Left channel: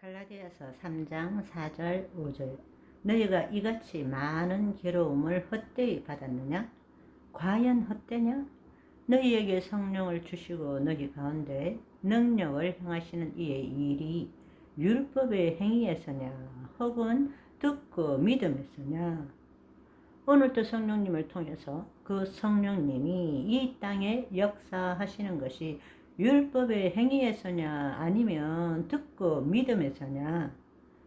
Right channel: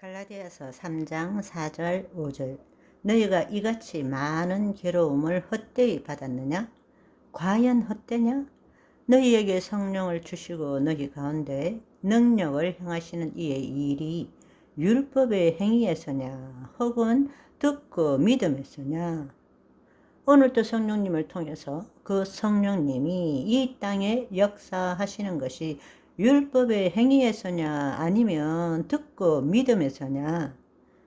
갈라디아서 3장 4절 5절 너희가 이같이 많은 괴로움을 헛되이 받았느냐? 과연 헛되냐? 너희에게 성령을 주시고 너희 가운데 능력을 행하시는 이의 일이 율법의 행위에서냐 혹은 듣고 믿음에서냐 오늘도 성령님을 통해서 그 성령님이 이 땅에 역사하시는 것이 율법의 행위에서냐 아니면 듣고 믿음에서냐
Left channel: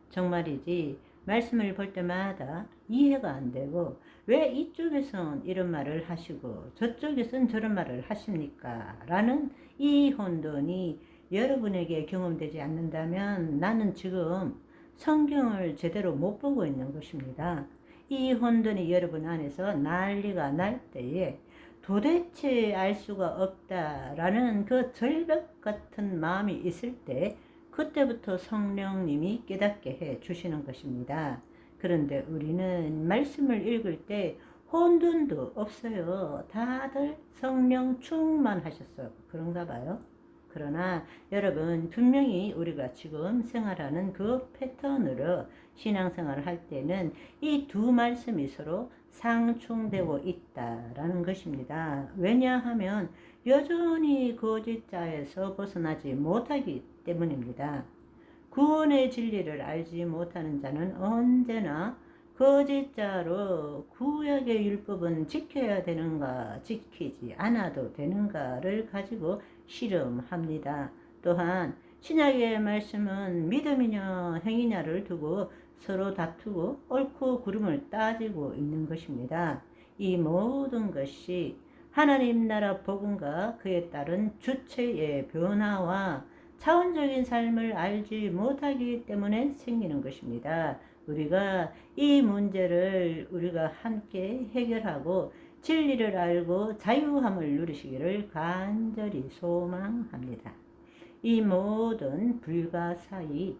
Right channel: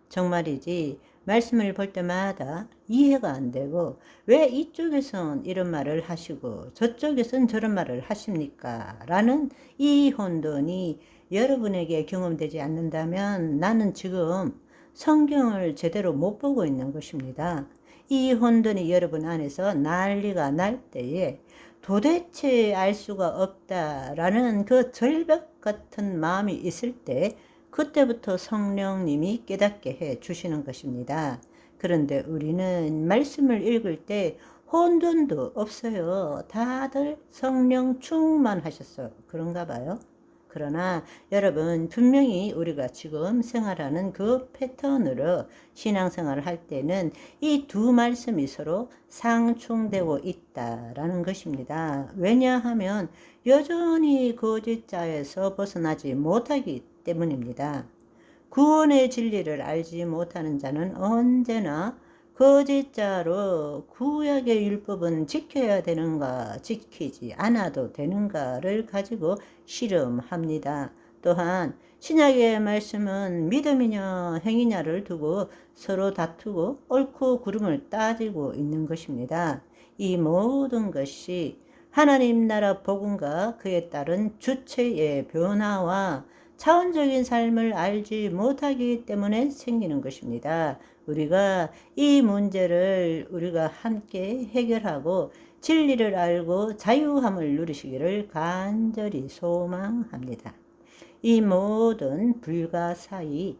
정말이지 말씀을 볼 때마다 이해가 안 되고 왜 이쪽에선 이런 말을 하시고 저쪽에선 저런 말을 하십니까? 라는 이 혼돈이 여러분에게 경험되지 않는다면 나는 지금 성경을 제대로 못 보고 있는 것입니다. 이 혼돈이 여러분 안에서 난리가 날 때에 도대체 알 수가 없다라는 그 절벽 같은 마음이 있을 때 그때부터 성령님이 깨닫게 해 주시는 것입니다. 그런데 우리는 말씀을 읽을 때 혼돈도 없어요. 다들 성령 충만하셨어. 그런가 봐요. 그러나 여러분 분명히 우리가 지금 생활하는 그 패턴으로 신앙생활을 할 때는 이 두 말씀이 서로 상충되고 있다라는 것입니다. 왜냐하면 여전히 거짓자에서 벗어나지 못하기 때문입니다. 구원의 진리를 알지 못하는 자는 언제나 거짓자로 구약의 율법은 지켜야 되는가, 지키지 않아도 되는가를 가지고 실험합니다. 또한 신약의 말씀은 믿음이냐 행위냐를 두고 서로 다투고 옳고 그름을 따지고 있는 것입니다. 이 모든 것이 하나님 나라 복음과 그에 따른 주체의 변화와 차원적인 삶을 알지 못하기 때문에 생기는 것입니다. 우리가 이 문제를 우리가 함께 해결하고 진리를 알고 자유함을 누리시기를 간절히 소망합니다. 이 모든 불가사의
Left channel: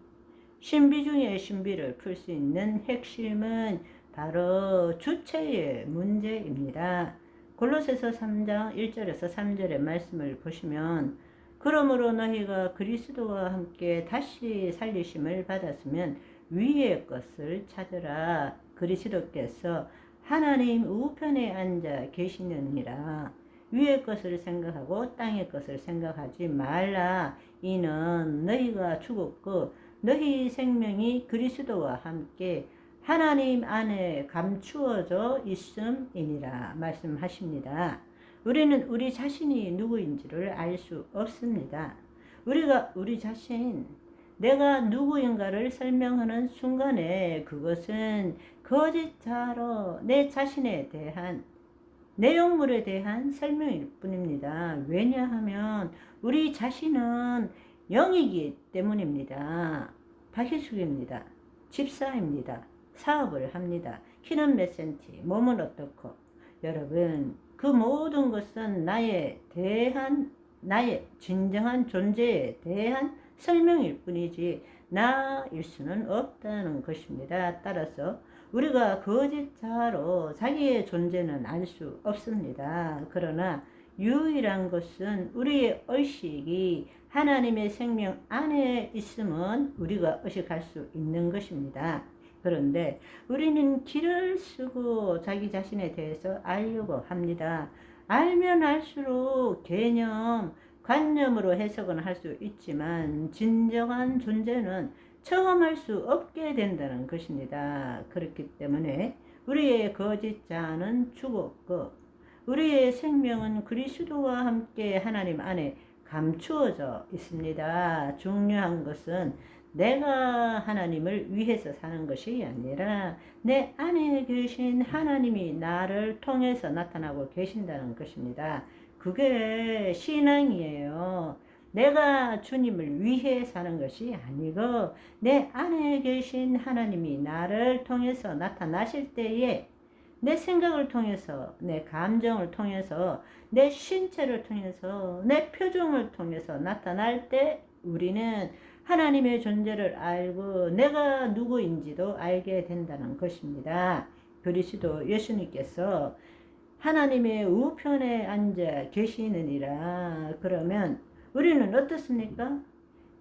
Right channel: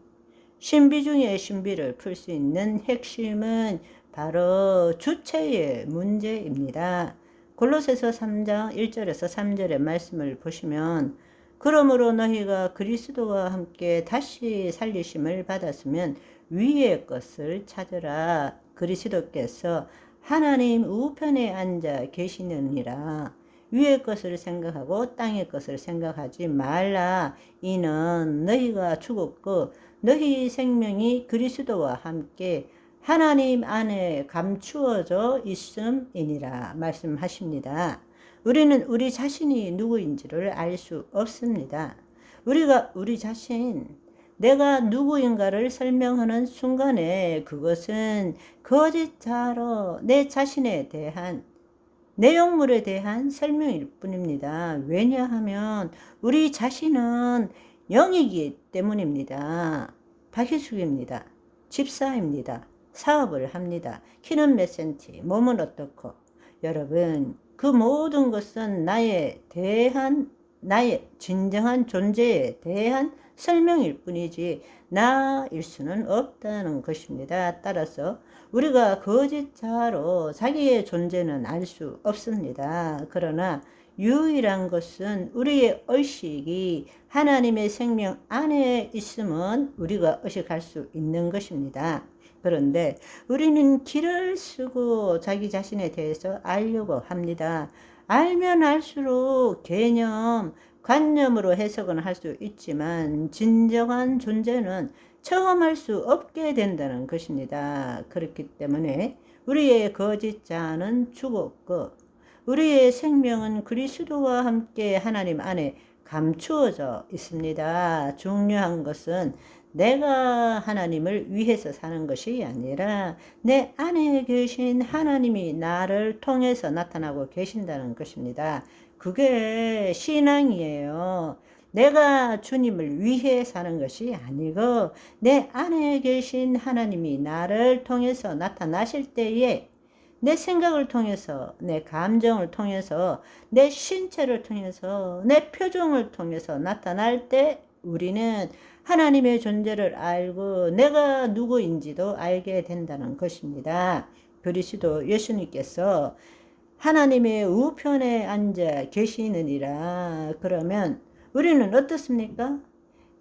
신비 중의 신비를 풀 수 있는 핵심은 바로 주체의 문제입니다. 골로새서 3장 1절에서 3절의 말씀을 보시면 그러므로 너희가 그리스도와 함께 다시 살리심을 받았으면 위의 것을 찾으라. 그리스도께서 하나님 우편에 앉아 계시느니라. 위의 것을 생각하고 땅의 것을 생각하지 말라. 이는 너희가 죽었고 너희 생명이 그리스도와 함께 하나님 안에 감추어져 있음이니라 말씀하십니다. 우리는 우리 자신이 누구인지를 알 수 없습니다. 우리가 우리 자신, 내가 누구인가를 설명하는 순간에 그것은 거짓자로 내 자신에 대한 내용물에 대한 설명일 뿐입니다. 왜냐하면 우리 자신은 영이기 때문입니다. 박희숙입니다. 집사입니다. 사업을 합니다. 키는 몇 센티, 몸은 어떻고. 여러분, 그 모든 것은 나에 대한, 나의 진정한 존재에 대한 설명일 뿐이지 나일 수는 없다는 것입니다. 따라서 우리가 거짓자로 자기의 존재는 알 수 없습니다. 그러나 유일한 것은 우리의 의식이 하나님의 생명 안에 있으면 우리가 의식할 수 있는 것입니다. 그런데 우리는 길을 쓰고 자기 자신에 대해서 알려고 합니다. 알면 알수록 개념, 관념으로 해석은 할 수 있지만 진정한 존재는 처음 할수 없게 된다는 것입니다. 그렇기 때문에 우리의 거짓 자는 죽었고 우리의 생명은 그리스도와 함께 하나님 안에 감추어져 있습니다. 중요한 것은 내가 하나님을 위해서 사는 것이 아니라 내 안에 계신 하나님이 나를 통해서 나타나고 계신다는 것입니다. 그게 신앙이에요. 내가 주님을 위해 사는 것이 아니고 내 안에 계신 하나님이 나를 통해서 나타나실 때에 내 생각을 통해서, 내 감정을 통해서, 내 신체를 통해서, 내 표정을 통해서 나타날 때 우리는 하나님의 존재를 알고 내가 누구인지도 알게 된다는 것입니다. 그리스도 예수님께서 하나님의 우편에 앉아 계시느니라. 그러면 우리는 어떻습니까?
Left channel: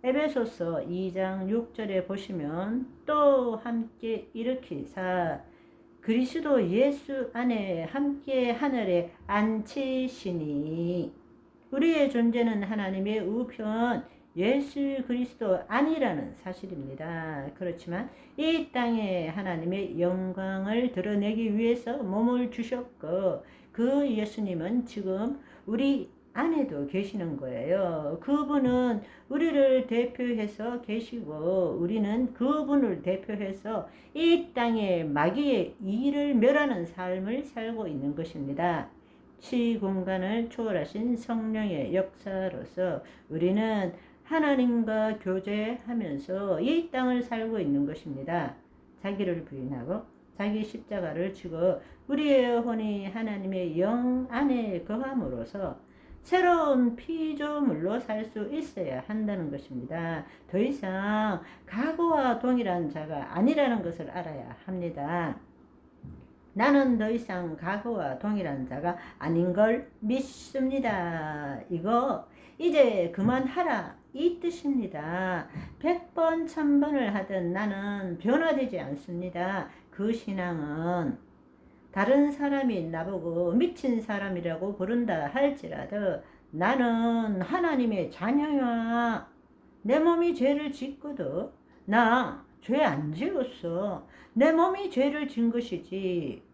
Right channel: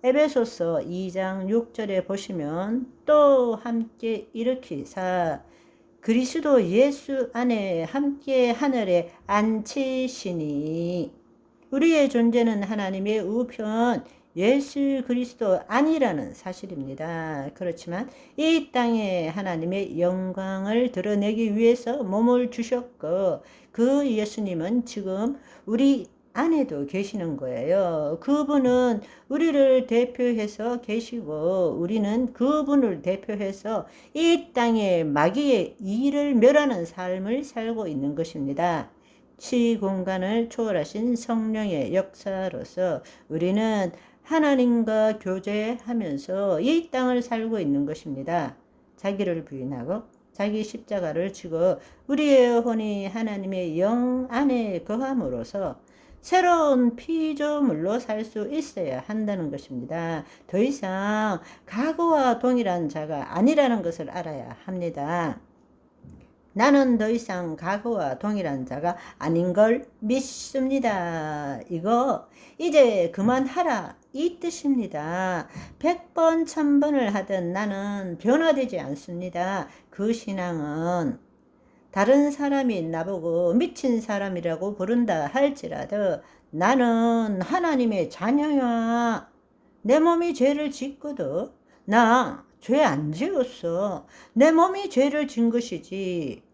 에베소서 2장 6절에 보시면 또 함께 일으키사 그리스도 예수 안에 함께 하늘에 앉히시니 우리의 존재는 하나님의 우편 예수 그리스도 아니라는 사실입니다. 그렇지만 이 땅에 하나님의 영광을 드러내기 위해서 몸을 주셨고 그 예수님은 지금 우리 안에도 계시는 거예요. 그분은 우리를 대표해서 계시고 우리는 그분을 대표해서 이 땅에 마귀의 일을 멸하는 삶을 살고 있는 것입니다. 시공간을 초월하신 성령의 역사로서 우리는 하나님과 교제하면서 이 땅을 살고 있는 것입니다. 자기를 부인하고 자기 십자가를 지고 우리의 혼이 하나님의 영 안에 거함으로써 새로운 피조물로 살 수 있어야 한다는 것입니다. 더 이상 과거와 동일한 자가 아니라는 것을 알아야 합니다. 나는 더 이상 과거와 동일한 자가 아닌 걸 믿습니다. 이거 이제 그만하라 이 뜻입니다. 백번 천번을 하든 나는 변화되지 않습니다. 그 신앙은 다른 사람이 나보고 미친 사람이라고 부른다 할지라도 나는 하나님의 자녀야. 내 몸이 죄를 짓고도 나죄 안 지었어. 내 몸이 죄를 진 것이지.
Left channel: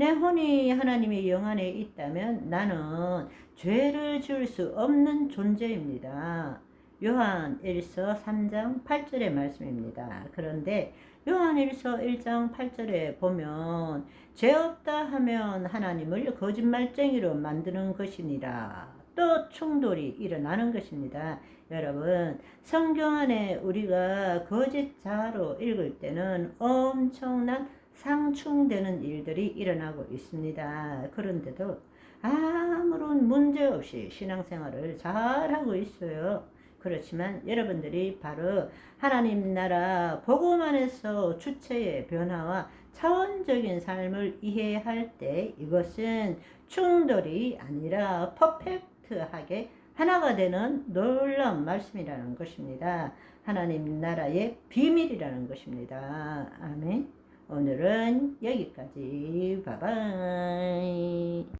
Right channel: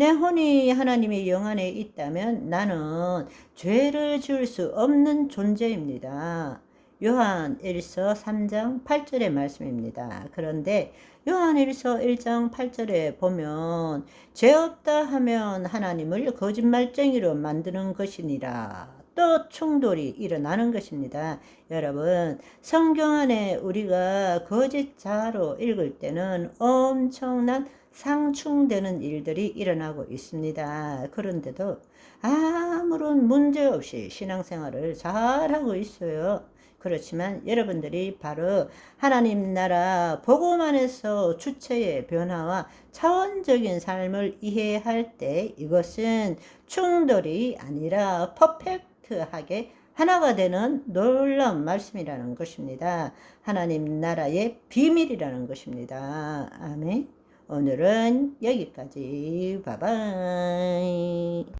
내 혼이 하나님의 영 안에 있다면 나는 죄를 지을 수 없는 존재입니다. 요한 1서 3장 8절의 말씀입니다. 그런데 요한 1서 1장 8절에 보면 죄 없다 하면 하나님을 거짓말쟁이로 만드는 것이니라. 또 충돌이 일어나는 것입니다. 여러분, 성경 안에 우리가 거짓 자로 읽을 때는 엄청난 상충되는 일들이 일어나고 있습니다. 그런데도 아무런 문제 없이 신앙생활을 잘하고 있어요. 그렇지만 여러분들이 바로 하나님 나라 복음 안에서 주체의 변화와 차원적인 삶을 이해할 때 이것은 충돌이 아니라 퍼펙트하게 하나가 되는 놀라운 말씀이라는 것입니다. 하나님 나라의 비밀이라는 것입니다. 아멘. 오늘은 여기까지. 바바이.